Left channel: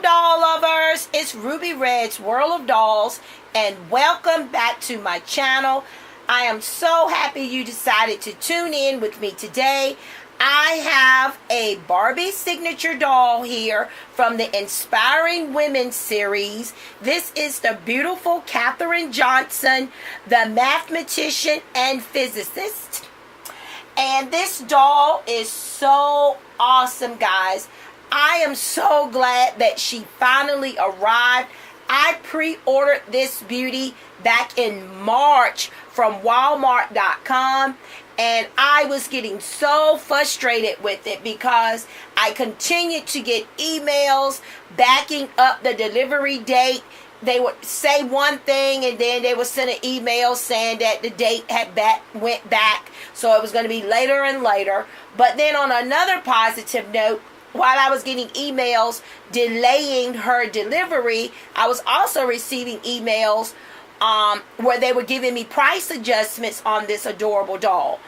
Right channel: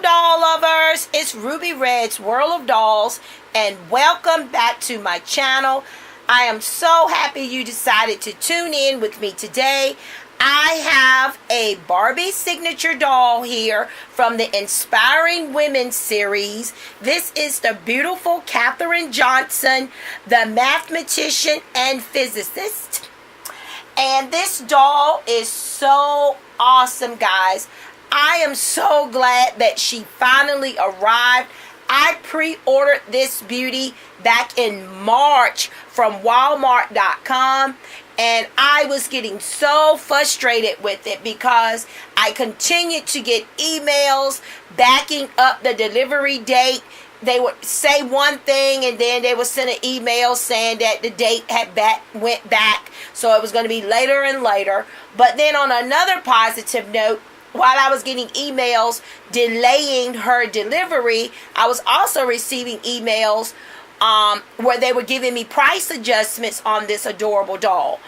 Hello doll lovers, it's Ruby Red's World of Dolls and welcome back to my channel. I am so happy you decided to tune in with me today. I have a Barbie signature doll here from the Inspiring Women series. This is the beautiful Katherine Johnson, the mathematician and physicist. And this doll is so awesome, guys. I am so glad that she finally arrived. I pre-ordered this beauty back in March from Walmart.com. And I was getting so frustrated with it because I continued to get emails backing up the delivery date. They would say one thing and then they would send an email saying that the date had went back. So it was going to be later and later. But then on another positive note, while I was getting emails delaying her delivery, I was also receiving emails where they were giving me price adjustments on this adorable doll.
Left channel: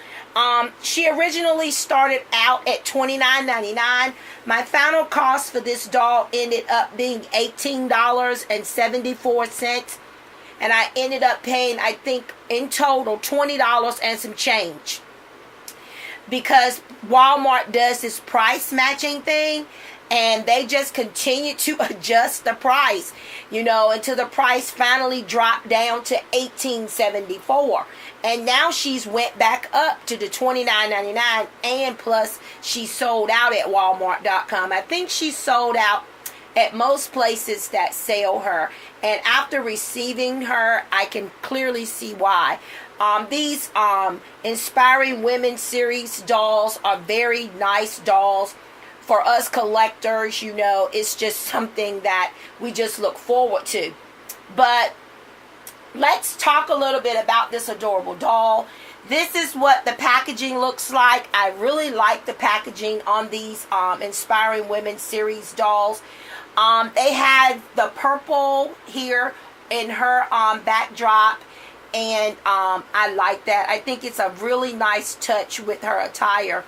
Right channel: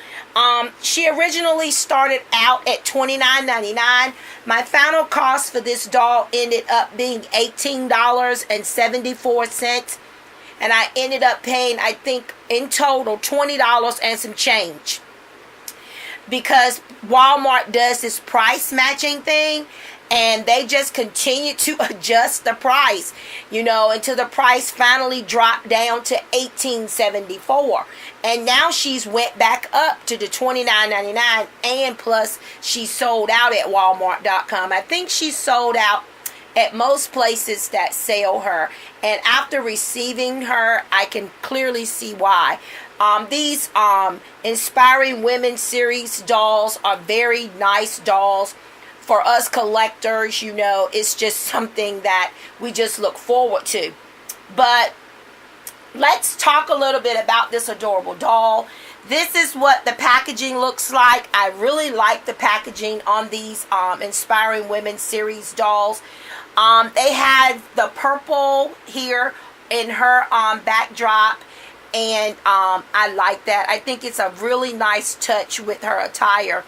She originally started out at $29.99. My final cost for this doll ended up being $18.74. And I ended up paying, I think, in total, $20 and some change. Because Walmart does this price matching thing. And they just continue to adjust the price, until the price finally dropped down to $18.74. And now she's went back up to the $29.99, and plus she sold out at Walmart.com. I think she sold out at most places that sell her. And after receiving her, I can clearly see why. These Inspiring Women series dolls are very nice dolls. For us collectors, it's just something that we just look forward to. But let's talk a little bit about this adorable doll. This is what the packaging looks like. I really like the packaging on these Inspiring Women series dolls. They had the purple here in her backdrop. And I like that. I think it's a really nice touch with her attire.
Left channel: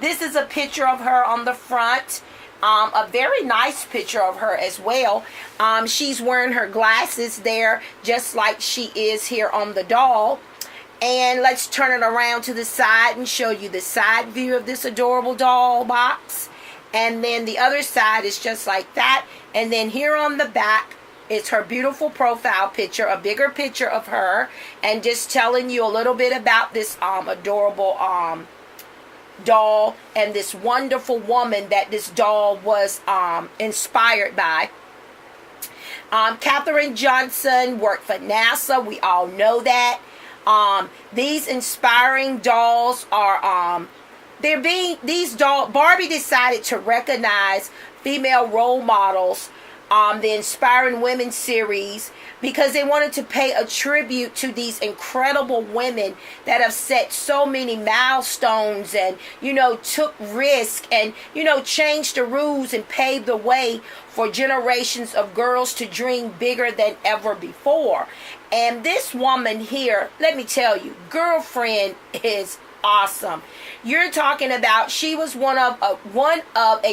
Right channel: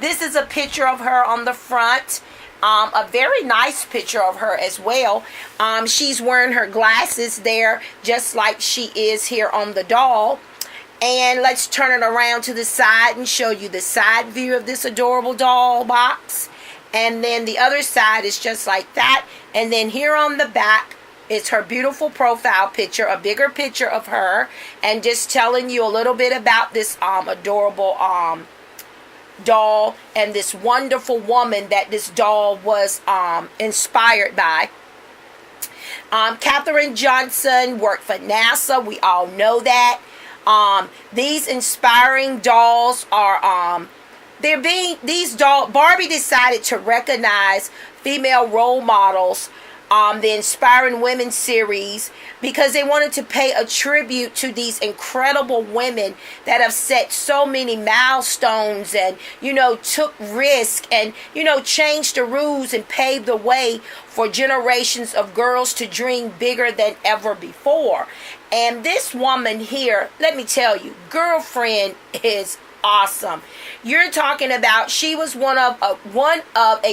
This is a picture of her on the front. A very nice picture of her as well. She's wearing her glasses there, just like she is here on the doll. And let's turn it around to the side and show you the side view of this adorable doll box. And then the other side is just like that. And then here on the back is her beautiful profile picture, a bigger picture of her. And just telling you a little bit about this adorable doll and this wonderful woman that this doll was inspired by. Katherine Johnson worked for NASA. We all know that. These inspiring dolls are Barbie decided to recognize female role models, the Inspiring Women series, because they wanted to pay a tribute to these incredible women that have set so many milestones and, took risk and, changed the rules and paved the way for generations of girls to dream bigger than ever before. And this woman here, let me tell you, girlfriend is awesome. You're talking about, she was one of a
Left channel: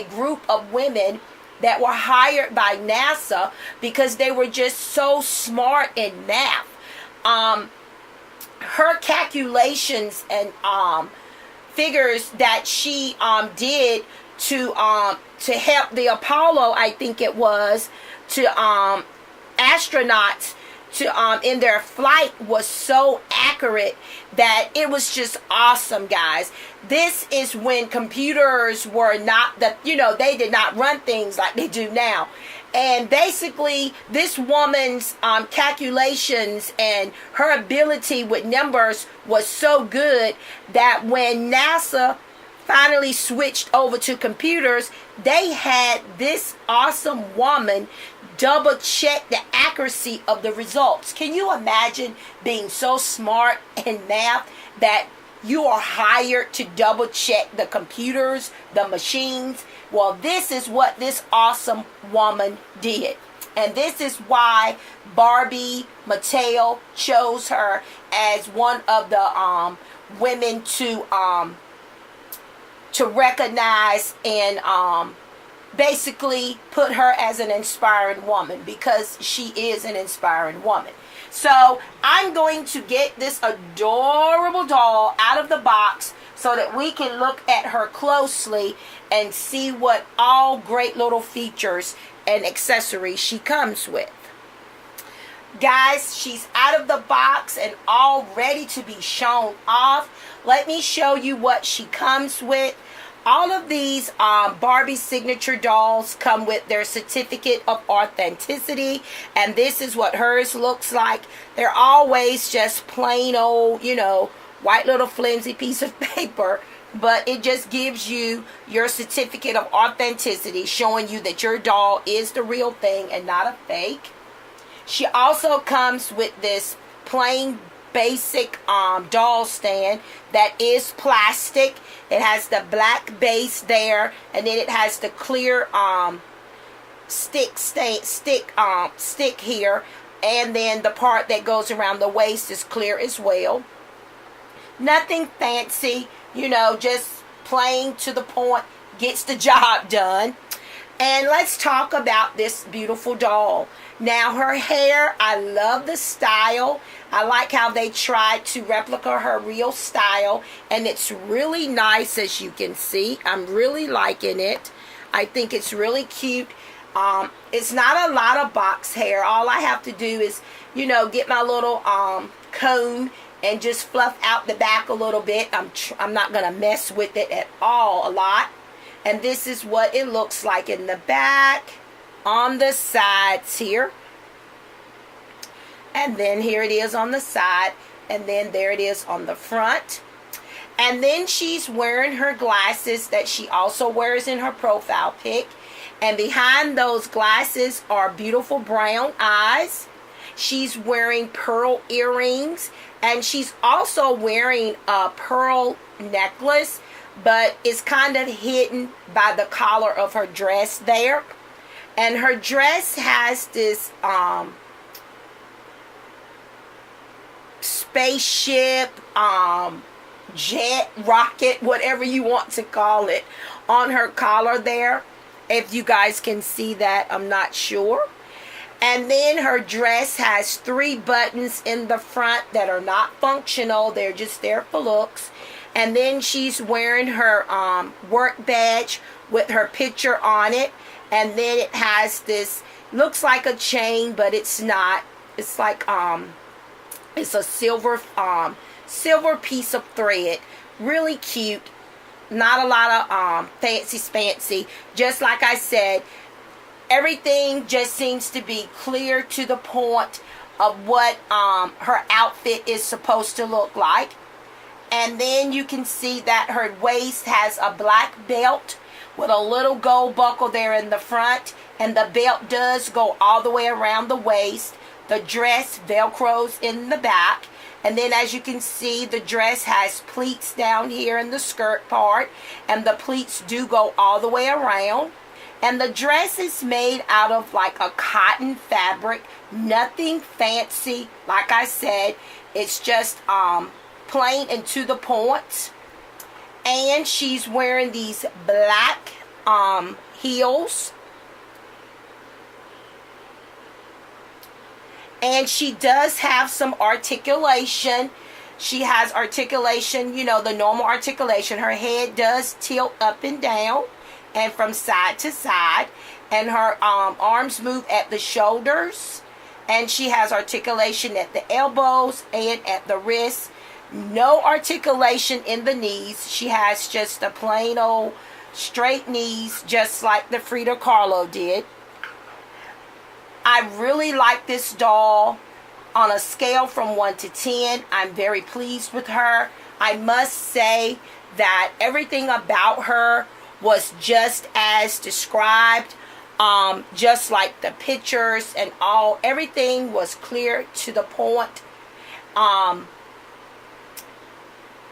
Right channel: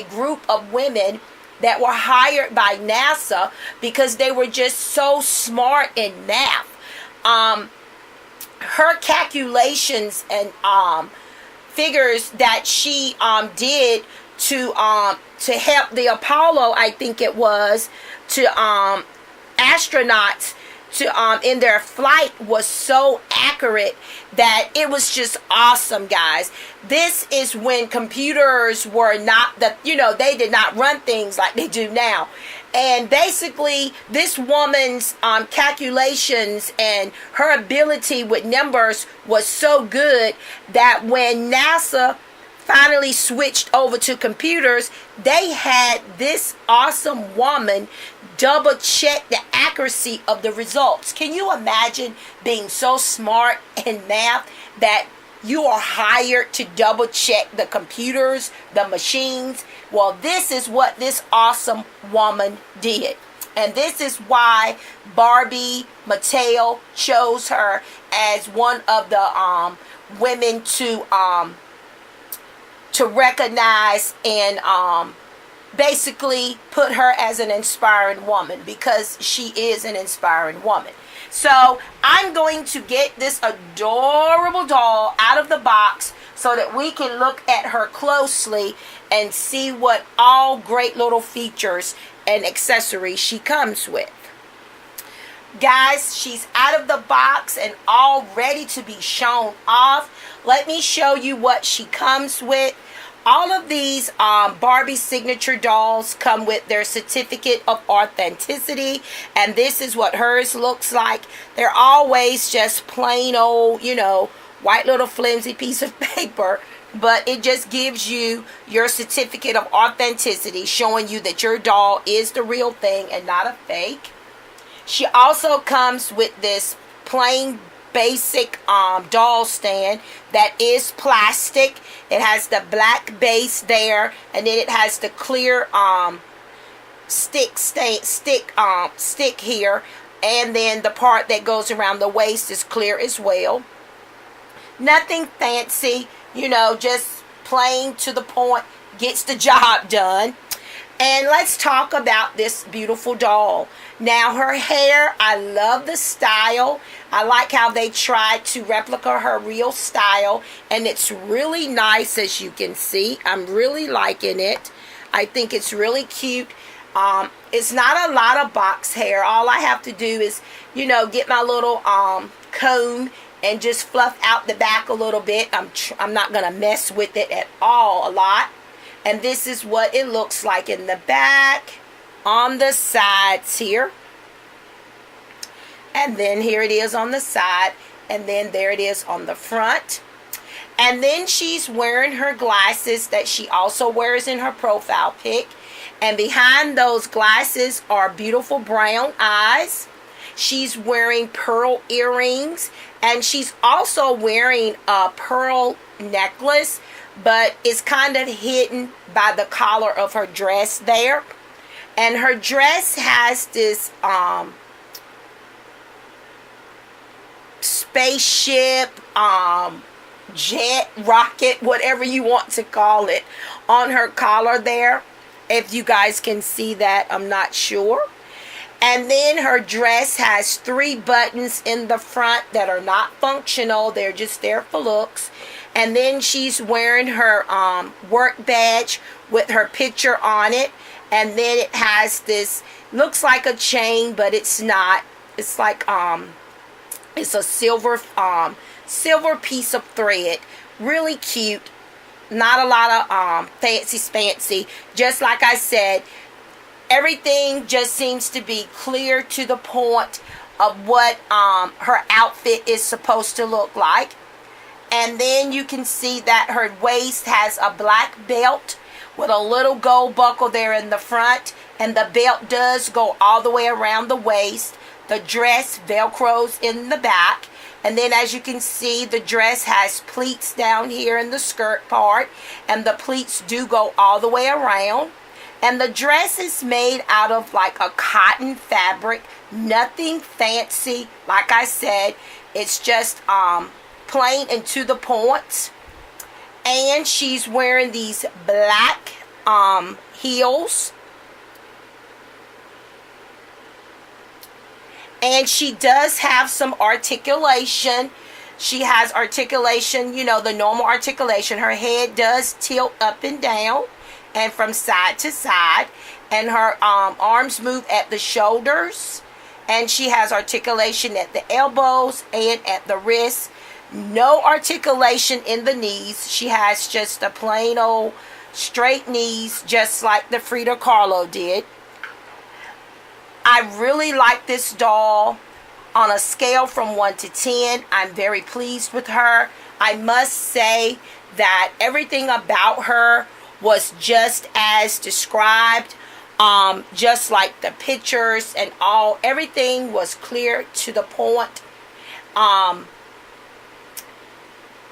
group of women that were hired by NASA because they were just so smart in math. Her calculations and figures that she did to help the Apollo, I think it was, to astronauts to in their flight was so accurate that it was just awesome, guys. This is when computers were not they did not run things like they do now. And basically, this woman's calculations and her ability with numbers was so good that when NASA finally switched over to computers, they had this awesome woman double check the accuracy of the results. Can you imagine being so smart in math that you are hired to double check the computers, the machines? Well, this is what this awesome woman did. And this is why Barbie Mattel chose her as one of the women to recognize and basically put her as an inspiring woman, because she is an inspiring woman. So I'm going to get this adorable doll out of the box so that we can look at her closely and see what all great little features and accessories she comes with. Guys, she's out of the box and all ready to be shown off. Let me show you what she comes with. All of these Barbie signature dolls come with their certificate of authenticity, and this is what hers looks like. They're always just plain old, white little flimsy piece of paper, but it just gives you your certificate of authenticity, showing you that your doll is the real thing and not a fake. She also comes with this plain basic doll stand that is plastic. It has the black base there, and then it has the clear stick here, and then the part that goes around the waist is clear as well. Nothing fancy, just plain to the point, gets the job done. And let's talk about this beautiful doll. Now, her hair, I love the style. I like how they tried to replicate her real style, and it's really nice, as you can see. I'm really liking it. I think it's really cute. It's not a lot of box hair. All I have to do is, get my little comb and just fluff out the back a little bit. I'm not going to mess with it at all a lot. And this is what it looks like in the back, on the sides here. And then here it is on the side. And then there it is on the front. And then she's wearing her glasses that she also wears in her profile pic. And behind those glasses are beautiful brown eyes. She's wearing pearl earrings. And she's also wearing a pearl necklace, but it's kind of hidden by the collar of her dress there. And her dress has this spaceship, jet, rocket, whatever you want to call it, on her collar there. If you guys can see that, I'm not sure. And then her dress has 3 buttons in the front that are not functional. They're just there for looks. And then she's wearing her work badge with her picture on it. And then it has this, looks like a chain, but it's not. It's like, it's a silver piece of thread. Really cute. Not a lot of fancy. Just like I said, everything just seems to be clear to the point of what her outfit is supposed to look like. And then you can see that her waist has a black belt with a little gold buckle there in the front. And the belt does go all the way around the waist. The dress velcros in the back. And then as you can see, the dress has pleats down here in the skirt part. And the pleats do go all the way around. And the dress is made out of like a cotton fabric. Nothing fancy. Like I said, it's just plain and to the point. And she's wearing these black heels. And she does have some articulation. She has articulation, the normal articulation. Her head does tilt up and down and from side to side. And her arms move at the shoulders. And she has articulation at the elbows and at the wrists. No articulation in the knees. She has just a plain old straight knees, just like the Frida Kahlo did. I really like this doll. On a scale from 1 to 10, I'm very pleased with her. I must say that everything about her was just as described. Just like the pictures and all. Everything was clear to the point.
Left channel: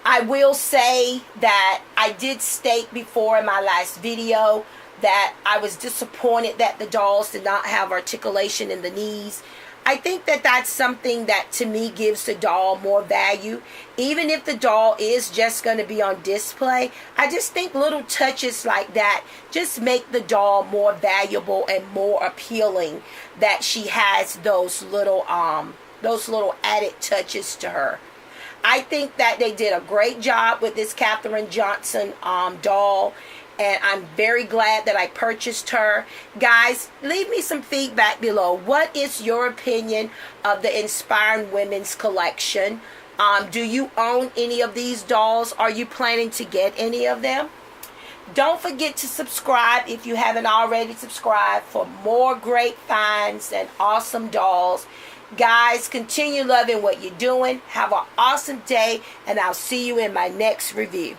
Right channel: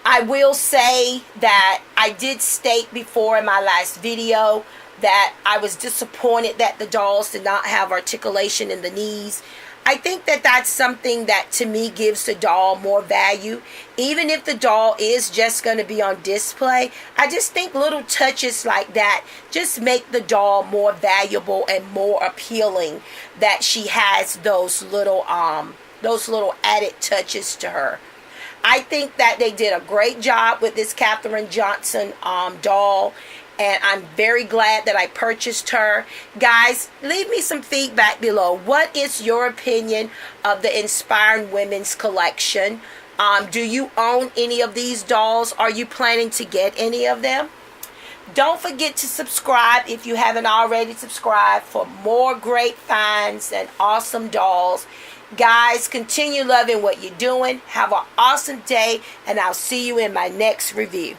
I will say that I did state before in my last video that I was disappointed that the dolls did not have articulation in the knees. I think that that's something that to me gives the doll more value. Even if the doll is just going to be on display, I just think little touches like that just make the doll more valuable and more appealing, that she has those little added touches to her. I think that they did a great job with this Katherine Johnson doll. And I'm very glad that I purchased her. Guys, leave me some feedback below. What is your opinion of the Inspiring Women's collection? Do you own any of these dolls? Are you planning to get any of them? Don't forget to subscribe if you haven't already subscribed for more great finds and awesome dolls. Guys, continue loving what you're doing. Have an awesome day, and I'll see you in my next review.